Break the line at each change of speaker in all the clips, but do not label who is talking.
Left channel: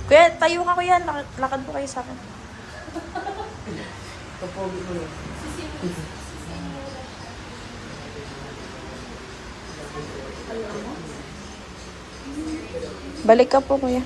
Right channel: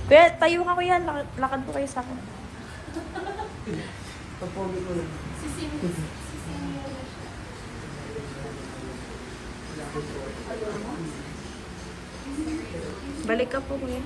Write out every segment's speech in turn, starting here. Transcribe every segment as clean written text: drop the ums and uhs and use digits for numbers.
Kuya, tayo ka kuya. Lakad po kayo sa akin. Balik ka po kuya.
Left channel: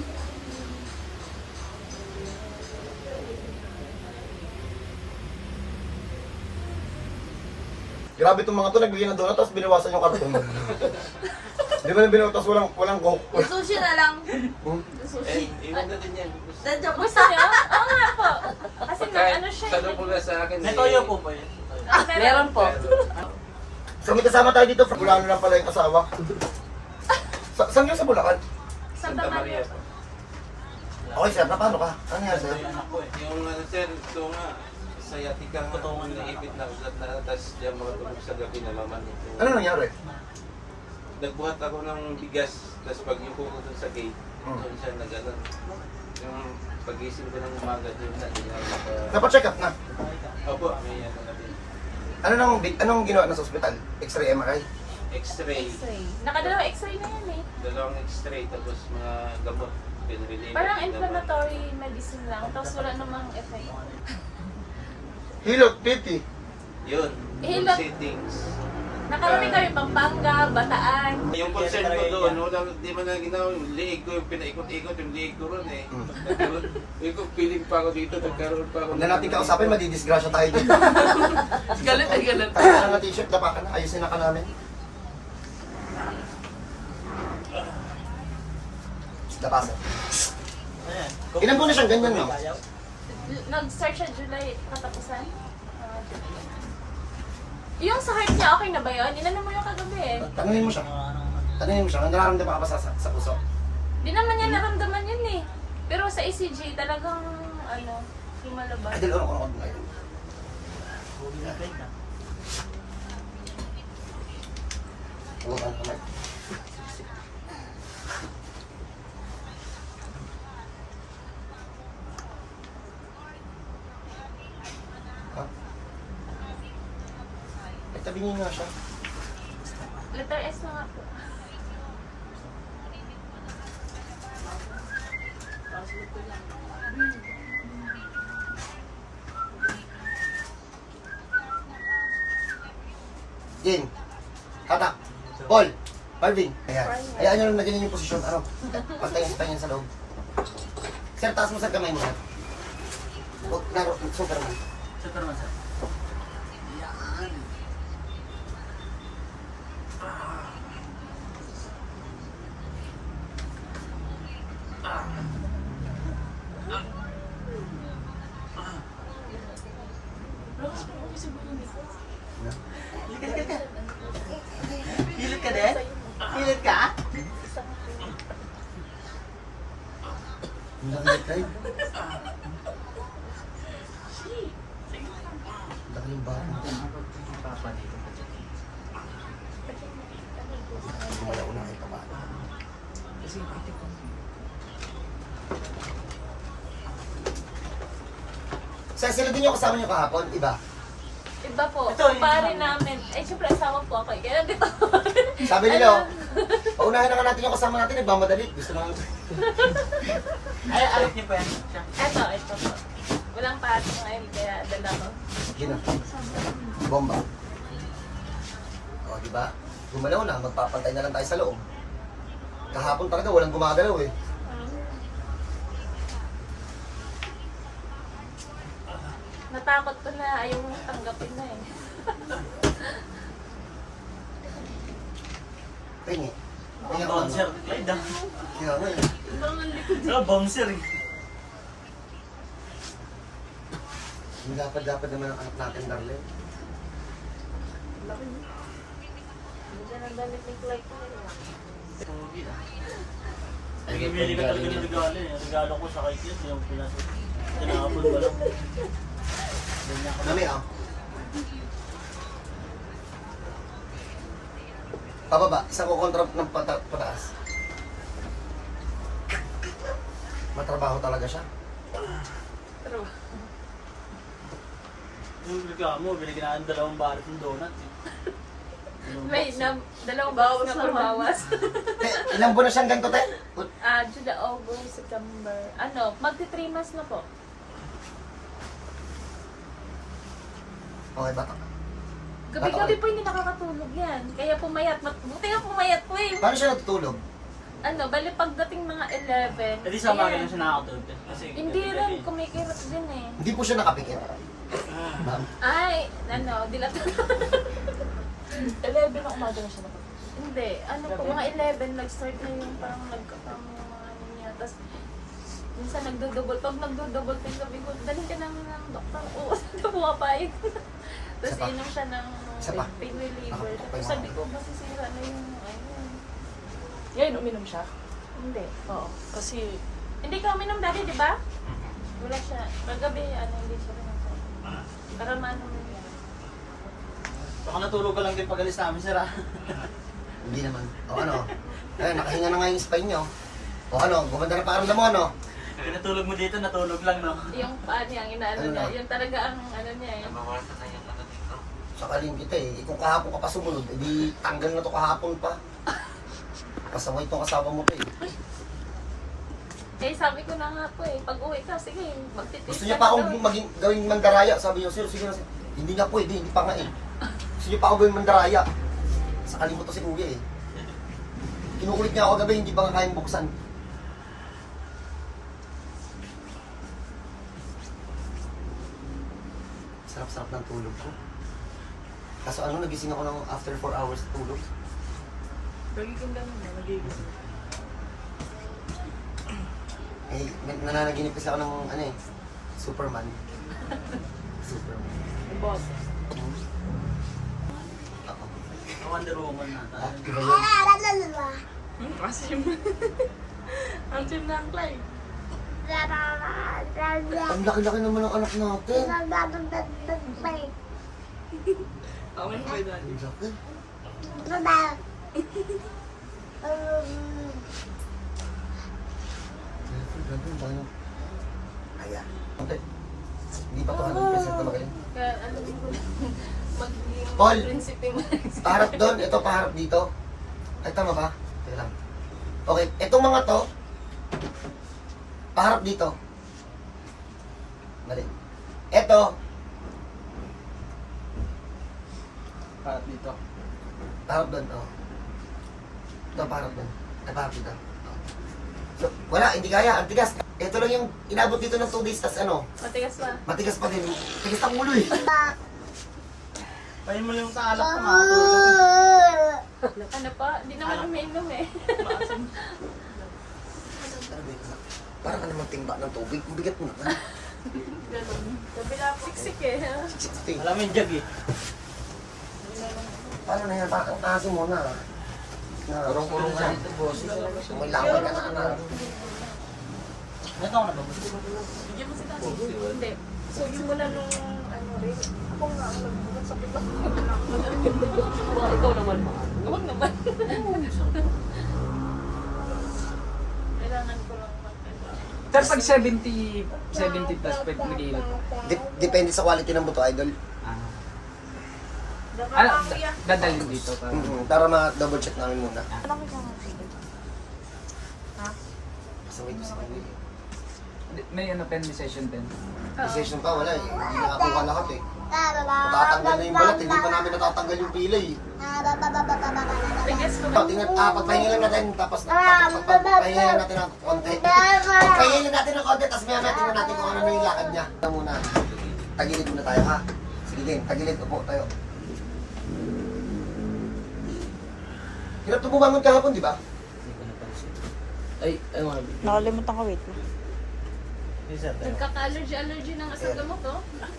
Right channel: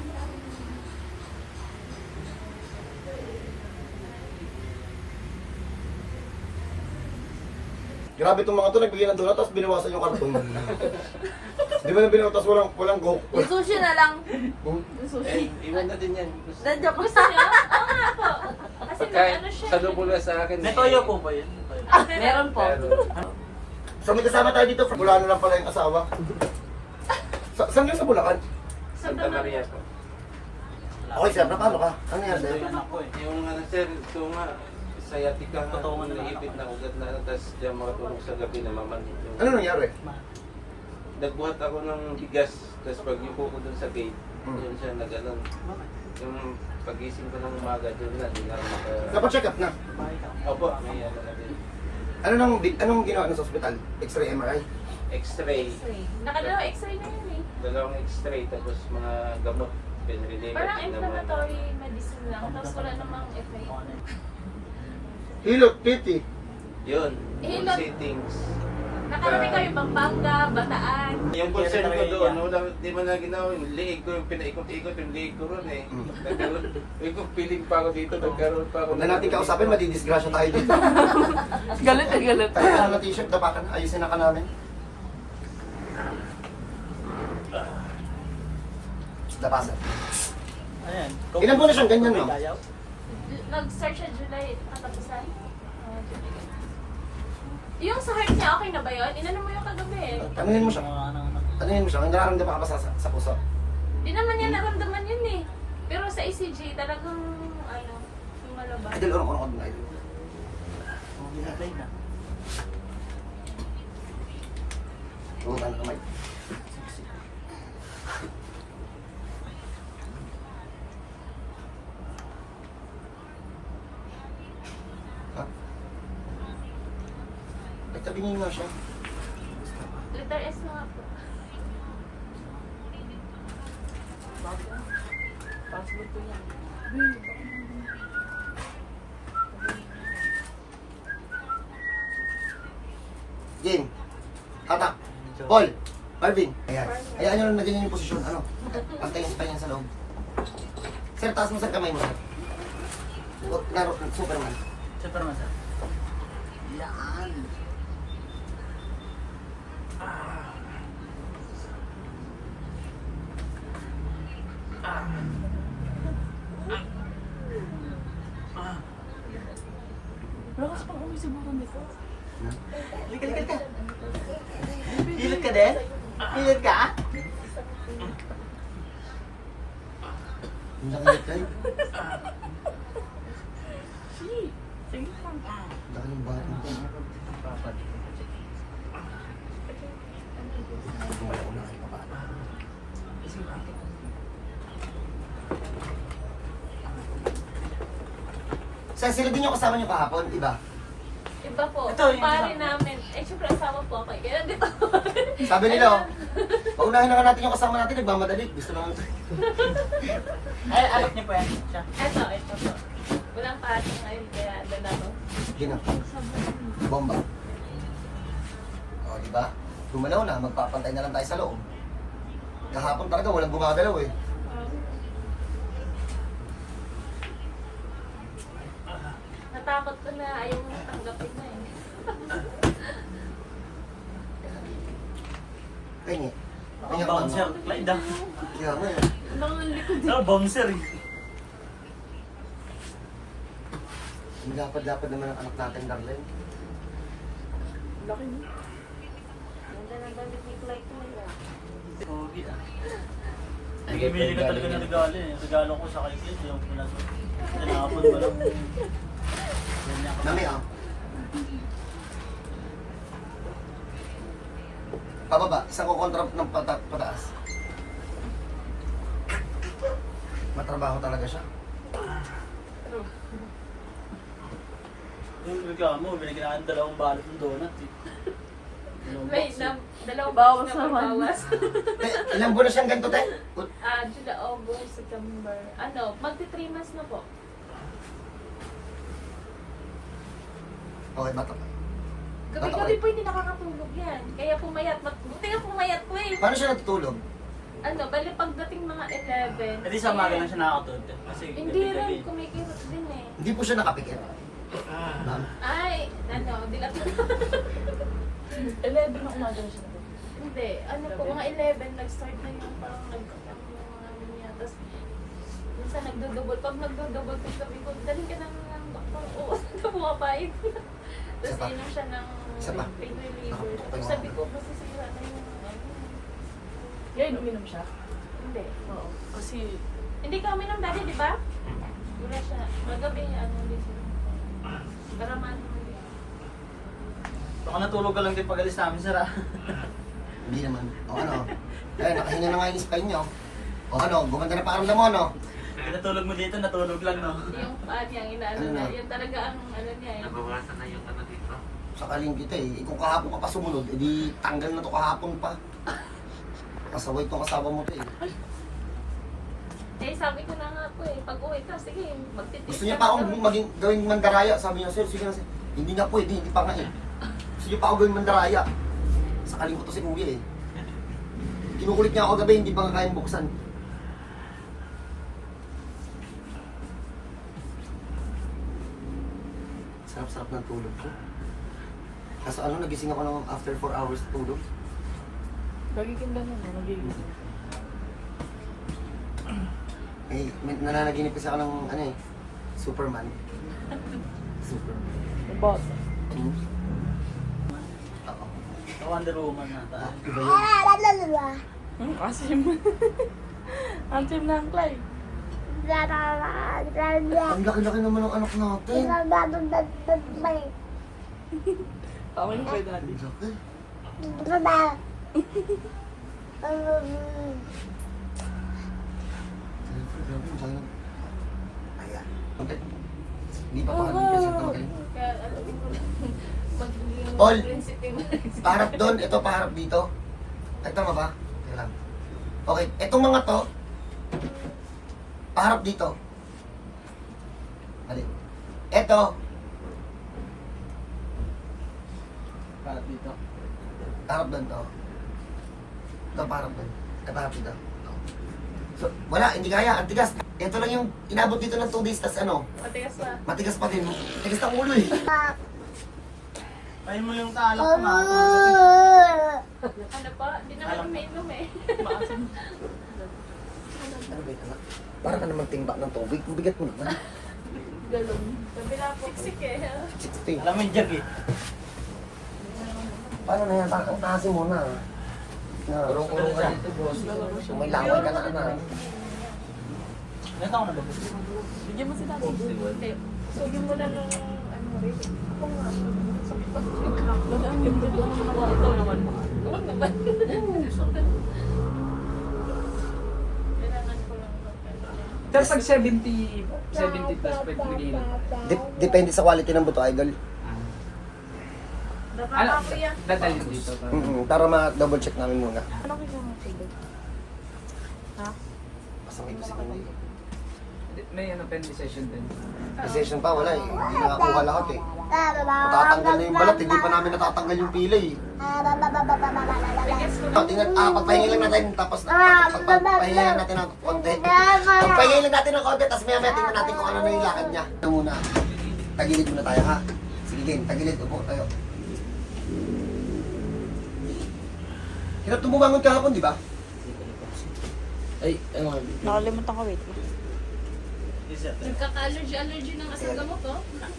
Grabe itong mga to, nagbigay ng donut, tapos binawasan yung karton. Di ba na binawasan, tapos walang coke.
Yung sushi na lang.
Iwan na din yan.
Nandiyan po
Gusto
sa...
niya? Oo nga po. Kasi
Pagkain,
ano siya.
salubong na sa akin.
May toyo po ba yun?
Meron po.
So may kasama tayo dito, Bulacan lang pala yung asawa. Saan yun sa Bulacan?
Santa Maria po.
Okay sir, paano ka? Ano nangyari sa'yo?
Yung sir, ito nga, sciatica nga, naipit na ugat na, tapos yung mga tulog sa gabi namamanit.
Ano nangyari?
Nagbuhat ako ng bigas, tapos pag yuko ko dun sa gate, doon siya nag-anon. Yung pagising ko ng umaga doon na, di na
Napacheck up na.
Opo, may ano na din.
Anong ginawa na sa ospital? X-ray, MRI?
X-ray.
Nakadalawa x-ray na yan eh.
Dalawang X-ray, tapos mga gamot. Pinrelieve.
Parang inflammatory medicine lang. Tapos wala namang effect.
Hilot, piti.
Yun, yung
Hilot.
settings.
Nakarating kami Pampanga, Bataan.
Yung concern ko doon, walang, di man na ginawa, yung liig ko, yung pinaikot-ikot yung liig ko ron eh. Yung kung piling pa ako dito, nagkaroon pa ako.
Huwag na natin kausapin, madidisgrasya tayo dito.
Galit na galit.
Kaya na t-shirt, dapa ka na, ayusin na ka namin. Dapa sir.
Ayan.
Ilan po na siyang ganyan, ma'am?
Nag-start siya July, katapusan. Yung sa heart niya, okay na ba yun? Inano mo yung kagabi eh.
Tanungin mo siya. Tanungin mo siya, nararamdaman ka ba sa puso?
Di naman niya naramdaman yun eh. Pero sa ECG, talagang ano, lumalabas.
Idol, ano na idol? Huwag ang kamay. Ha? Tabingin nga siya.
Letter S na nga po.
Jen, hatak, Paul, Marvin. Ayan. Ayan nyo lang na ganyan yung posisyon. Ano? Pantayin sa loob. Sir, taas mo sa kamay mo. O, laro, Superman.
Superman sir.
Hilot ka din? Hilot ka?
Ang laki ng tayo. Laki ng bata. Gumala ko na kayo paano. Sir, sila din yung kasama niyo kahapon, iba?
Iba po,
Ito, yung
pare
isa.
namin. Ay, syempre asawa po ako. Kaya dito.
Sabi nila, oh, paunahin na nga natin yung kasama natin, nagmamadali. Gusto naman.
Ay, alok niyo po yan. Siya.
Ito po. Walang pare ngayon, kaya dala ko.
Gino. Bomba. O, di ba? Gumalaw na, magpapantay na lang tayo sa loob. Kahapon talaga, walang gumagalaw eh.
Natakot ko na, ayaw mo tanggapin na eh.
Pengi. Pengi ako
Bouncer.
mo.
May dang.
Kaya ako eh.
Bouncer eh.
Ang dapat naman ang anak natin, darling.
Sugi ah. Ay, bibili ka talaga ng regalo eh. Regalo ko sa kanya, yung pula to. Tinapon ba lang?
Mami, oh. Pababa, isang kukontra ng pataas. Matrabaho talaga siya.
Yung regalo mo, binigyan ng dalawang balot ng donut eh.
May dalawang bawas na bawas.
Ilang buwan na siyang ganito, te?
July, August, September. Magti 3 months na po.
Okay, bato.
Gabi-gabi po hindi nakakatulog yan. Kaya pumayat. Buti nga pumayat po eh.
Paano siya natutulog?
Bali pagdating mga 11.
Eh di sa umaga lang siya nakakatulog. Kasi
Hindi
gabi-gabi.
rin, kumikirot din eh.
Hindi po siya nakapikit. Ma'am.
Ay, di na
11 na umaga na siya nakapagod.
Hindi, po, mga 11, nag-start na yung parang ano niya. Tapos, minsan nagdodouble. Pag nagdodouble, sabi ko, dalhin ka ng doktor. Oo, pumapayag. Tapos
Isa pa.
inom siya ng
Isa pa.
pain reliever.
Nakaputok pa yung
Sabi
mga-
ko, masisira na yung
Ngayon, uminom siya?
Hindi.
Oo. Kasi,
Hindi ka uminom dati, di ba? Wala siya. Kagabi, hindi siya uminom. Para maano mo yun.
Baka natulog ka lang din pag alis namin, sir.
Hindi naman. O ano? Nakahinga na nga yung spine nyo. O ano, gumanda na pakiramdam mo, ano?
Natulog mo dito, natulog lang, no?
Yung paa niya, ang inaano
Ano
niya.
na?
Yung talaga ang ano niya. Yung
Nabawasan na yung ano dito.
Sakaling kita eh. Kung kahapon ka pa sumunod, edi tanggal na to kahapon pa. Kasaway itong kasama mo to eh.
Kaya sabi ko na nga po eh, pag uwi ka, sige, magtitip.
Gusto niya pa akong maging gawing mandaraya. Sabi niya, sir, sige na sir. Hindi nga pwede, hindi pa nga eh. Gusto niya pa ako gawing mandaraya. Sakaling ko to si Kuya eh. Kinukulit niya ako gabi, hindi pa nga kayang buksan. Sarap-sarap ng tulog ko. Kaso ano, nagising ako ng after 4 hours tulog.
lagi kang ganun, nagigising.
Eh, nananaginip kasi ako ng ano eh, Superman. Superman.
Boss.
Hmm? Ako.
Wonder Woman na tayo.
Diba yun?
Asim. Asim na ang Clyde.
Ang laki-laki naman ng anak natin.
Tama na kayo dati.
Ang laki. Grabe, ang panginoon. Ayan. Okay. Hindi pa 200% ka magaling.
Kaya alam ko, pag
Paul!
prinsipe mo.
Paharap doon, ito paharap dito. Ay, tama ba? Teka lang. Okay, itong mga to, paharap dito. Mali. Ito,
Parang dito.
paharap doon, oh. Ito, paharap doon. Ito, paharap dito. Oh. So, wala, hindi kaya, ang tigas. Ito lang yung inabot dito ng 2 days, tas ano,
Matigas pa.
matigas pa din. Tigas ng ulo eh.
Kain mo yung talak ko, makakatulog.
Ano pa? Hindi naman kami inom eh.
Ano ba ito? Para ka naman timba ng tubig. Ang bigat mo naman.
Kabila po. Siksik eh.
Alam mo yung jug eh.
Paano na yan? Takasin mo na. Kurong-kurong ka. Sumalawal ka na.
Ilan taon na ba?
Bigyan mo si Tati.
Hindi. So yung wala nung rin. Ako nga. Sakit ako.
Ikaw naman.
Huwag naman. Kailangan ko lang mag-
Pero pag 70 plus pet nag-iilot.
Depende sa quality ng buto, idol.
Ano, dadalhin dito para.
Para ma-double check namin muna.
Ano ka siyang favorite? Ha?
Kasama ito si Kuya.
May ano, pen session din.
Session pa, wala eh. Hindi nakakuha lahat eh. Matatanggal na yung balat, hindi pa namin natatanggal yung pilay eh.
Bigas ko.
Tingnan, pagpahingin lang natin, tapos pagpahingin lang natin ng konti. Pagpahingin lang natin ng konti, tapos maya tingnan natin kung ano na yung lakad niya. Ito muna, tagilid muna tayo ha. Sige din, tagilid, upo tayo. Hirap ito bumangon kahapon, di ba? Ay, ano nga.
Nakalimutan ko, wait.
Nagkaka-allergy ng asang gamot, oh.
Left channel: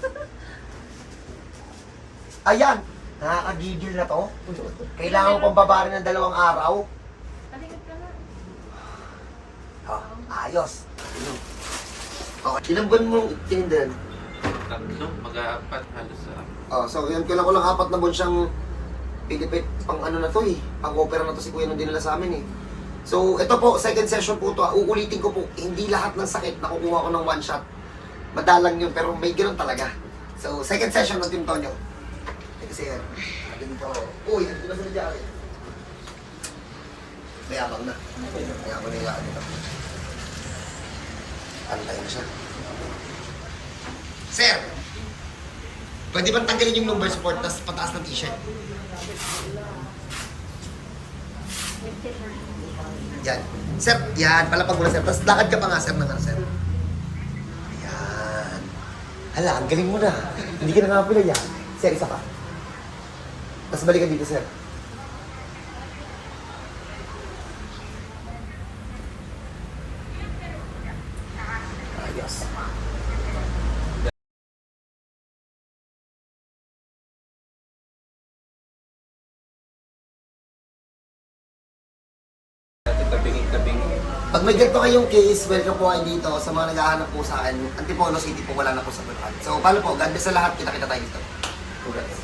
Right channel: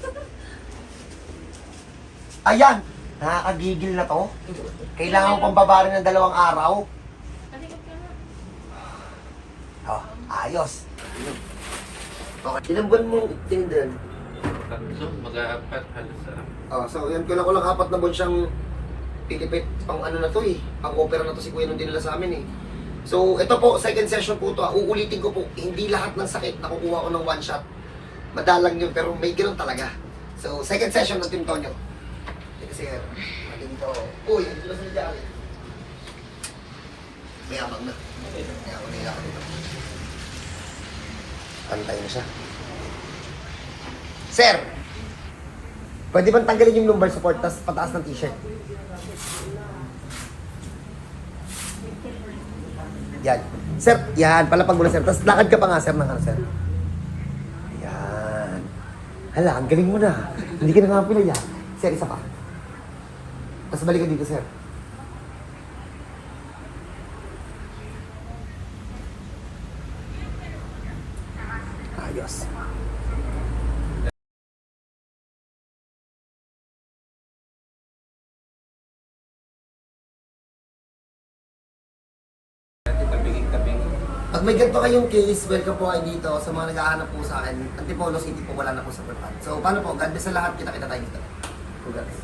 Ayan! Nakakagigil na to. Kailangan pang babarin ng 2 araw.
Talingit ka na.
Oh, ayos. Okay. Ilang buwan mong tinindan?
Tatlo, mag-aapat halos sa
Oh, so yan, kailan ko lang 4 na buwan siyang pilipit pang ano na to eh. Pang opera na to si Kuya nung dinala sa amin eh. So, ito po, second session po to. Uulitin ko po, hindi lahat ng sakit nakukuha ko ng 1 shot. Madalang yun, pero may ganoon talaga. So, second session ng Team Tonyo. Kasi, ganito. Uy, hindi na sila dyan. Mayabang na. Mayabang nila ako dito. Antay mo siya. Sir! Pwede bang tanggalin yung lumbar support tapos pataas ng t-shirt? Yan. Sir, yan. Palapag mo na, sir. Tapos lakad ka pa nga, sir, ng ano, sir. Yan. Hala, ang galing mo na. Hindi ka na nga pila yan. Sir, isa pa. Tapos balikan dito, sir. Ayos.
Tabingin.
Pag may ganito kayong case, welcome po kayo dito. Sa mga naghahanap po sa akin, Antipolo City po, wala na po sa Bulacan. So, paano po? God bless sa lahat. Kita-kita tayo dito. Congrats.